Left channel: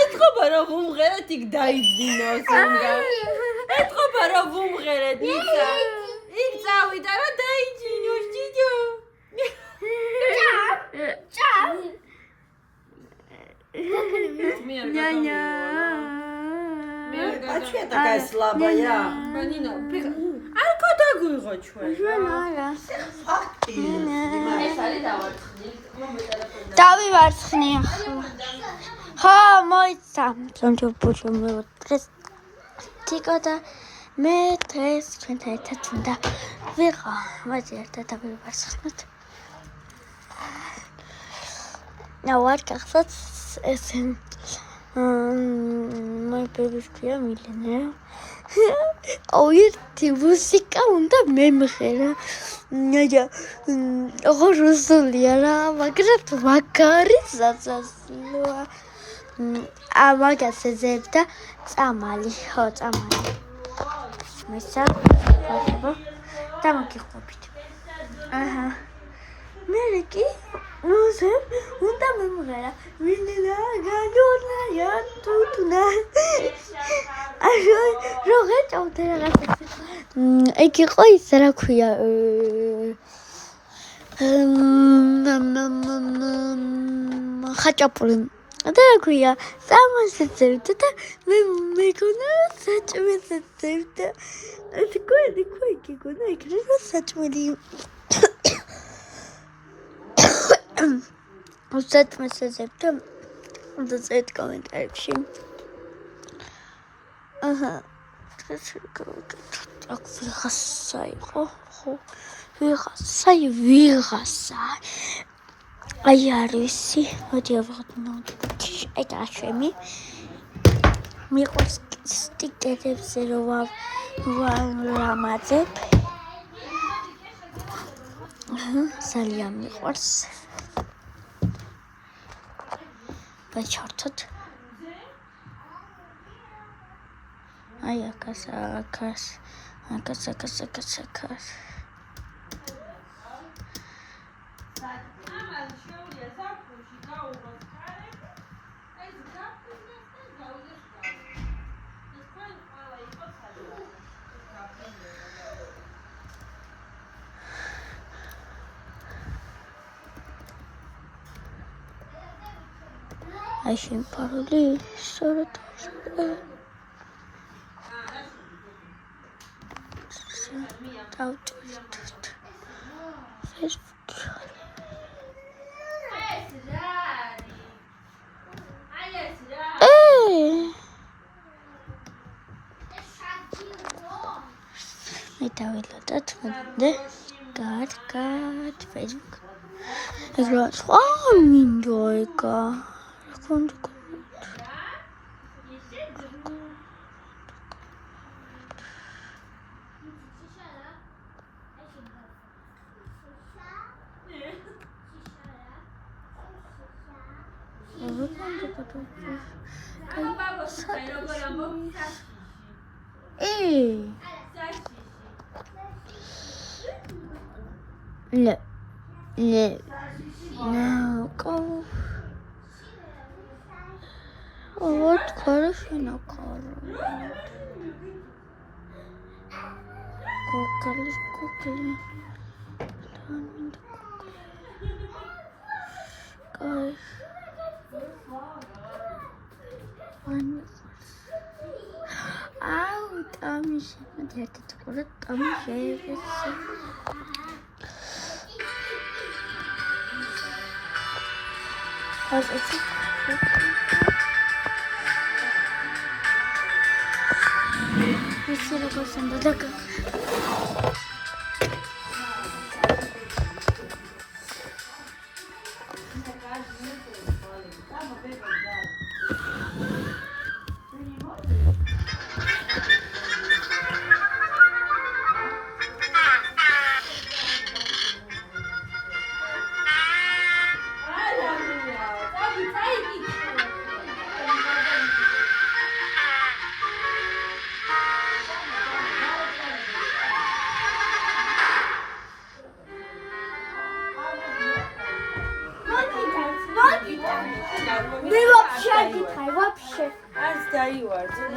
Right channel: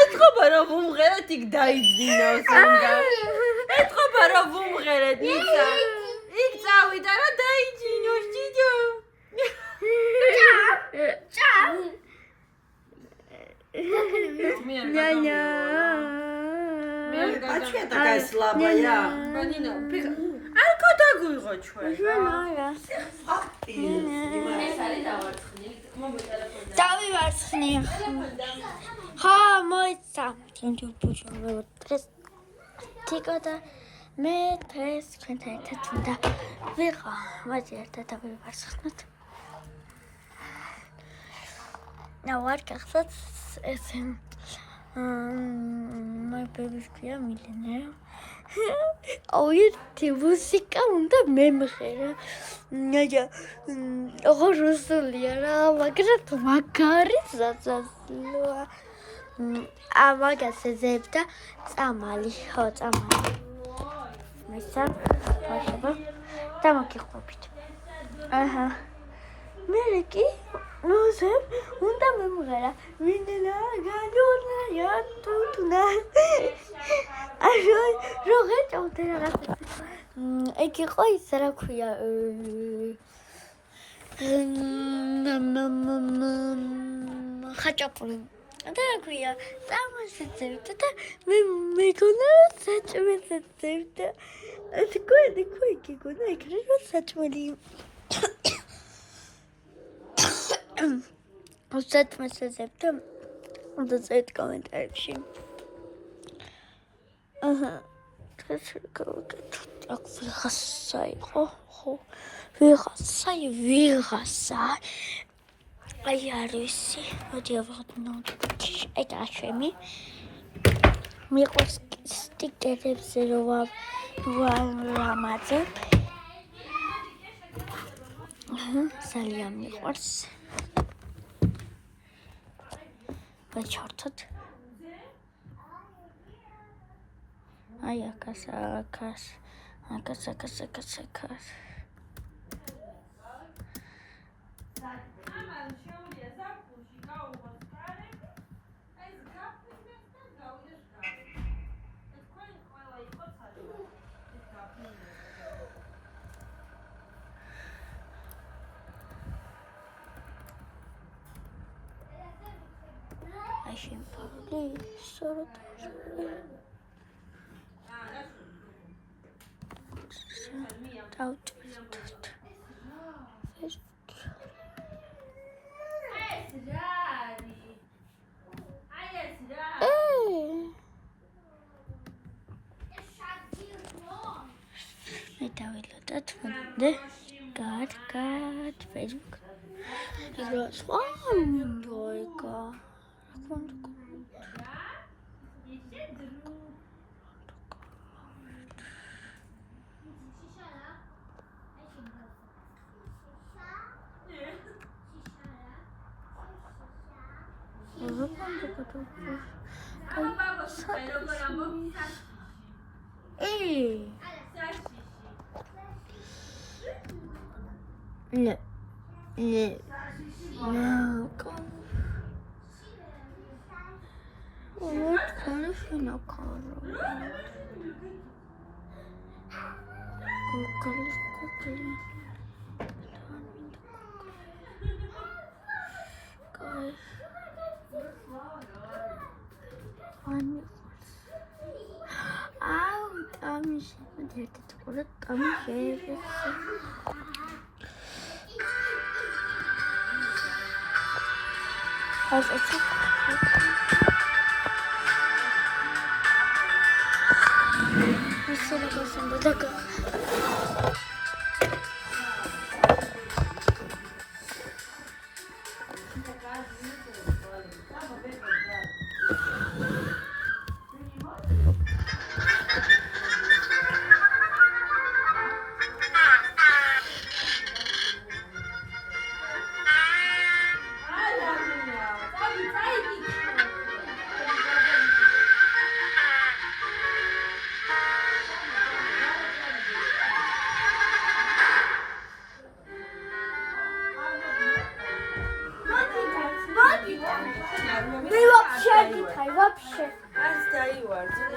ეთქობა რომ ვუმღერეთ იქ დაიძინავს უნდა. ეთქობა რომ ვუმღერეთ ниცა. იქ წავიდა რა დაიძინოს ჯიჯო. ჭა. А что такая слабая? Банина, არ გადაგვიღო ჩვენ. დავივარცხნი. ხო, მოიცა. ჯონჯობუჩო მეუტრეს. თიკო და მე დღეს ჩვენთან ერთად უნდა ვიყო. მოდი ერთად დავივარცხნოთ. ნავარ გახსოვთ ეს my baby's clear millionaire. ერთი მუსიკა უნდა მემღერა. ღოროსულია რა, მაგრამ მაგარი სასაცილოა. ამაგაცე ზებდა წამალი, ხო, წამალი. მისა, პატება და მოგიყვებით. აჰა. მე კი ნოზებ უნდა მემღერა. მინენა გაჯორნაია თუთუნა. როგორ წავდა რაღაცა. იქ იყო ის რა ქვია. ხაჭაპური. და რა ქვია, სამასეცებდა და მე მეკონა საჭმელეცებდა. ეს გვედი ქვიქი გონა იქნება საჭმელი. საჭმელეცებდა. უნდა წეთ კომენტარებში. აჰა. ეს ვიღასა იყო, ხო. ვიღასა. აი არისი, მოდი ავღოთ. აი დაშვები. მიყვარს სტიკერებზე რო ვამაძებ. ძალიან მიყვარს. ვაჩართოთ. აი აკას. აი შენ პაროლი სწორად დავჭირდეთ. მე დავილოდოთ მოდე კარგად Facebook. ეს რა სხვა მინდო ეკა. Вот хорошо на кару. Кукли. Ау, там еще где-то такое, там еще есть. მე ვაფშე არ გითხარი, ვაფშე. Ας დაივარძე.